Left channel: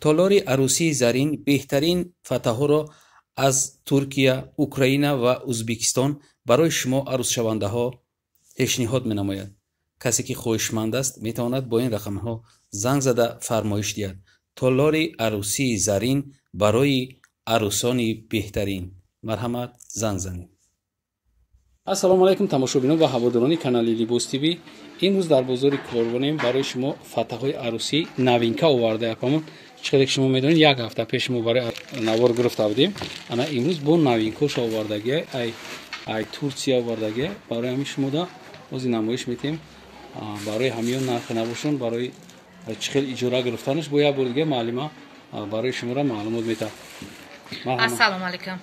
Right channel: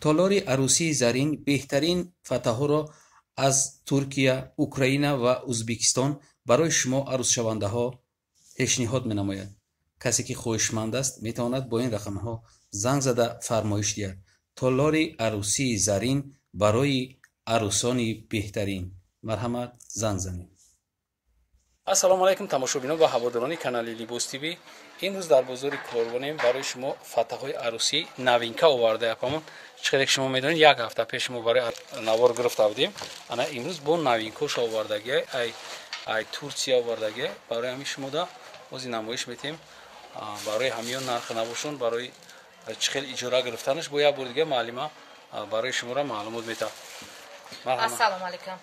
تالار عروسی زرین بهترین فتح‌ها را از ترکیه، اوکراین و ازبکستان برای شما عروس شونده ها پیشنهاد می نماید. کسی که خواهشمند است می تواند با این رقم ها زنگ زده فرمایش دهد. تالار عروسی زرین برای عروسان بهترین. مرحمت زنگ زنید. السلام علیکم تماشابینان و هواداران کانال لیباس تیوی. امروز در بازار کاروان برای شما فتح‌های عروسی نوینکا آورده ایم. چقدر شما میدونید یک هفته پیش ما برای نوار گرفته بودیم. انا امروز با نوینکاش آوردگی ای ترکیه آوردگی برای همین شما دا از نمایش میتیم. برای همیان نرخ نباشون برای چقدر اجاره گرفتنش با یک بار دیگه معلومه برای شما را معلومات میتم. السلام علیکم.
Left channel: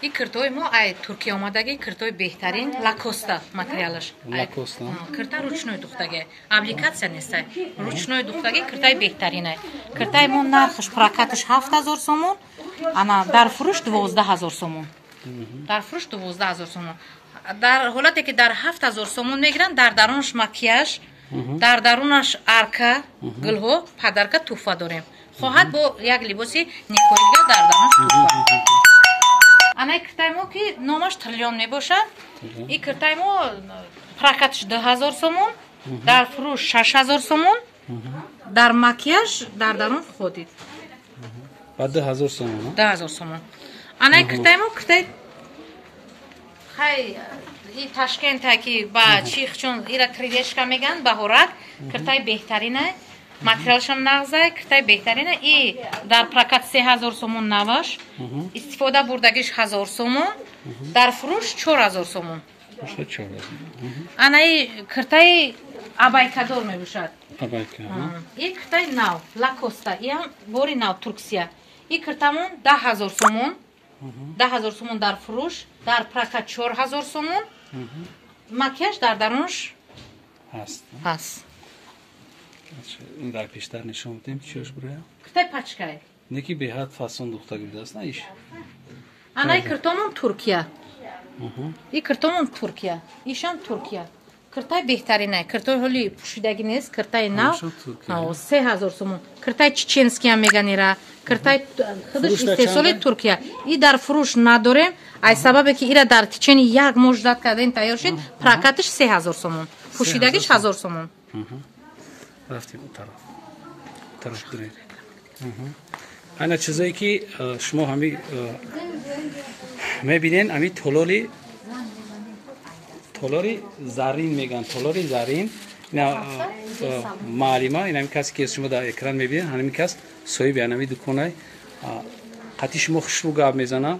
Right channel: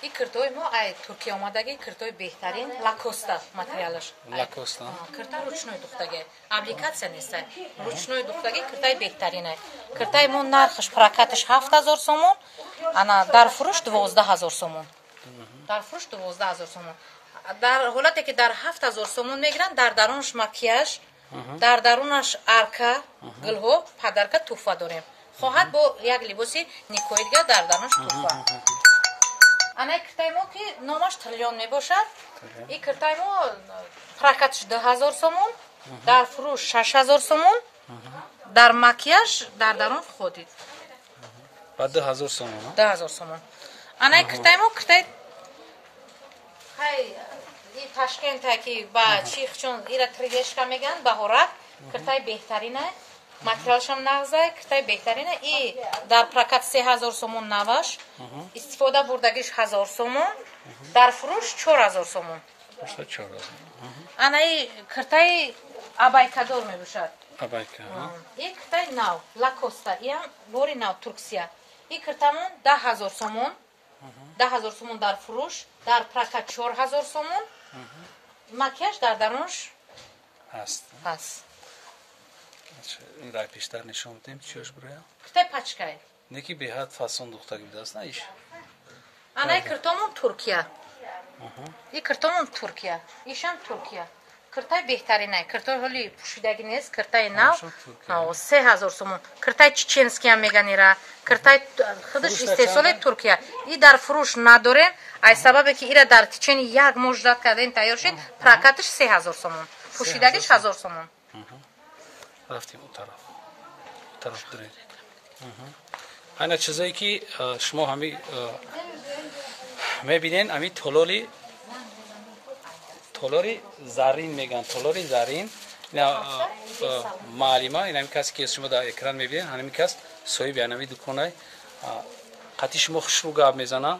این کرتای ما ای ترکیه آمدگی کرتای بهترین لاکوستا ماتریالش. لاکوستا. کرتا روچنوی دوختگی. اپلیکاسیون نیست. روچنوی دوختگی کرتای بهترینه. کرتای ما نرخش پراکاتش 7000 سومون. انا در فروش 12000 سومون. در فروش 12000 سومون. در حالتی که در 7000 سومون میگیرن در درونش مکیاژ، در درونش ارکا، گلها، پدرکا توفا داریم. خواهد با یک لباسی نیکویدگی در درونش توفا. انا کرتای ما که نامش تریلیون میباشد. این کرتای ما پراکاتش 2000 سومون، در فروش 6000 سومون، در مکیاژ در درون خودید. بعد 2000 سومون. 2000 سومون. انا کرتای ما کرتای خیلی این تاشکند که با چیخ چون ایرا کریدشکا میگن بهارت کرتای بهترینه. ماتریالش هم نغزه کرتای بهترینه. ای در پراکات 3000 سومون نواش استفاده بردگیش 1000 سومون، در فروش 4000 سومون. انا ای کرتای ابایکادور میباشد. ابایکا. این کرتای ناو لاکوستا. این بوری ناو ترکیه. این کرتامون 10000 سومون. 10000 سومون در فروش، در پراکات 4000 سومون. مکیاژ در درونش هست. این رای پیشتر نشون میدیم چیش برای؟ کرتای پاچکای. نکی به حد فاسون دختگی بوده است نه ایش. انا کرتامون ترکیه. این کرتامون ترکیه. ایشم ترکیه. کرتای بهترینه. کرتای حالی پوشیدگی نیست. کرتای نو 3000 سومون. کرتای چچنسکی هم میگن ایرا. کرتای خودش استحصال ترکیه. این در فروش نداریم. ای سببه که ایرا در چین یک مجدد کردن تیار شد. پراکاتش 3000 سومون. پوشیدگیش 1000 سومون. رفتیم اون طرف درید. اینا چیزایی که شما همی میبینین همی تالاری زرین میگن. تالاری زرین اینا معلومه. این همی کسی که شما در اکران میبینین همی کس صاحب همی دکانای قطعی شما خوشبو گاب میزنه.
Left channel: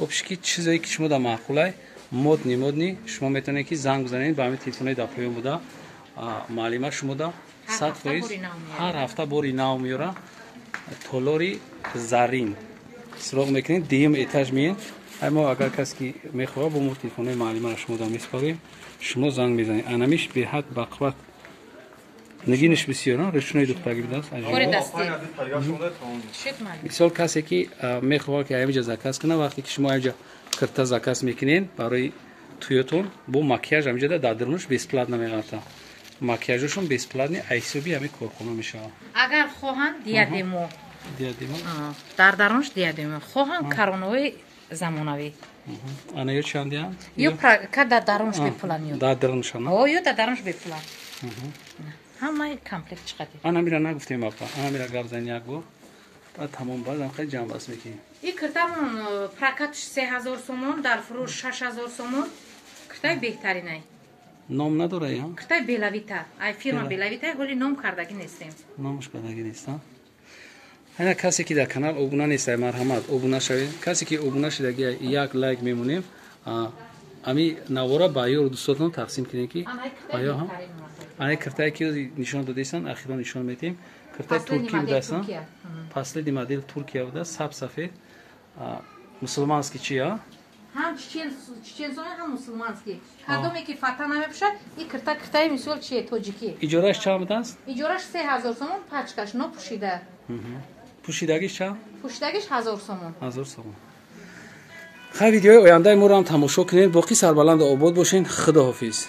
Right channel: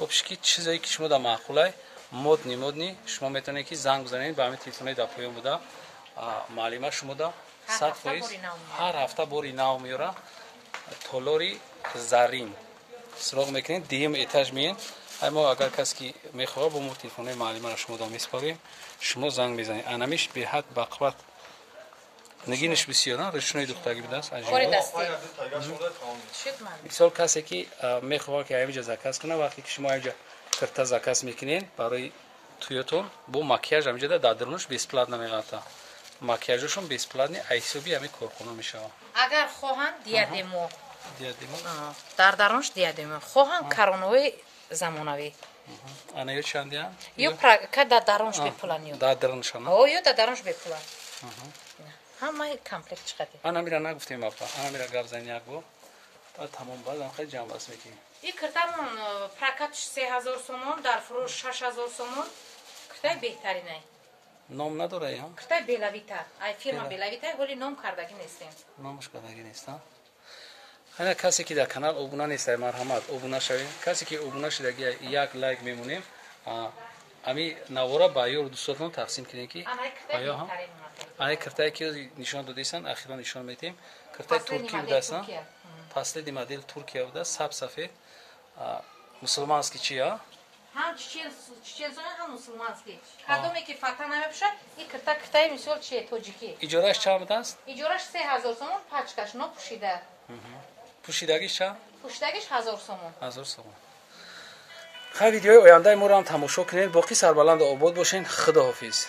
obşki چیزایی که شما در معقوله مدنی شما میتونید که زنگ بزنید به همین تلفن در پایین بوده. معلومه شما در 100% هر هفته باری نو میاره. تالاری زرین سراغ میکنید دیم ایتاژ میین. اما اگر کسی که میخواد با مو تلفن معلومه را شما در میسپاریم شما زنگ میزنید. انمیش به حد بقوت نگینش بسیار رشنای دختگی بوده است. مثال کسی که میخواد که اینجا زکات کنه وقتی که شما اینجا کرتا زکات میکنین برای تویتون با مکیاژ اینجا در درونش 20 پلات نمیگاته. مکیاژشون 20 پلات نی ایسوبی همین کارخونه میشه. اگر خواهن دیادمو در درونش دیادمو خواهن کارونوی زمانوی. انا یه چندی هم؟ یو پراکات در درونش بپلانیو. در درونش نه؟ او یو در درونش بپلان. همه کامپلکت چقدر؟ انا میرا نگفتیم آقا. انا میرا گاب زنی یک بار. بعد تمام بعدم خیلی جمع بس میکنیم. این کرتامون پراکاتش 3000 سومون در فروش 6000 سومون. کرتای بهترینه. نام نداره یا؟ کرتای بیلاویتا. ای فیرما بیلاویتا ولی نام کردگی نیستیم. نامش کردگی نیستم. اینا کسی که در کانال ابونه نیست مرحمت ابونه شوید. کسی که ابونه شدگی یک لایک میمونیم. امی نوارا با یور دوستاتون تقسیم کنین کی؟ آیا هم؟ آیا کرتای که نشان دادیسن اخیرا نشان میدیم. کرتای ترکی بوده است. پاسلی مدل ترکیه بوده. سب سفید. مسلمانسکی چیه؟ هم چچنسون هم مسلمانسکی. هر دومی که فتح نمیشه این کرتای مثال چیه توجیکی. اجارهش چند است؟ اجارهش 3000 سومون پاچکاش نو پوشیده. پوشیدگیش چند؟ پوشیدگیش 1000 سومون. 1000 سومون. خب ویدیوی آینده ما رو هم تماشا کنید. باقی سربلند و آباد باشین. خداحافظ.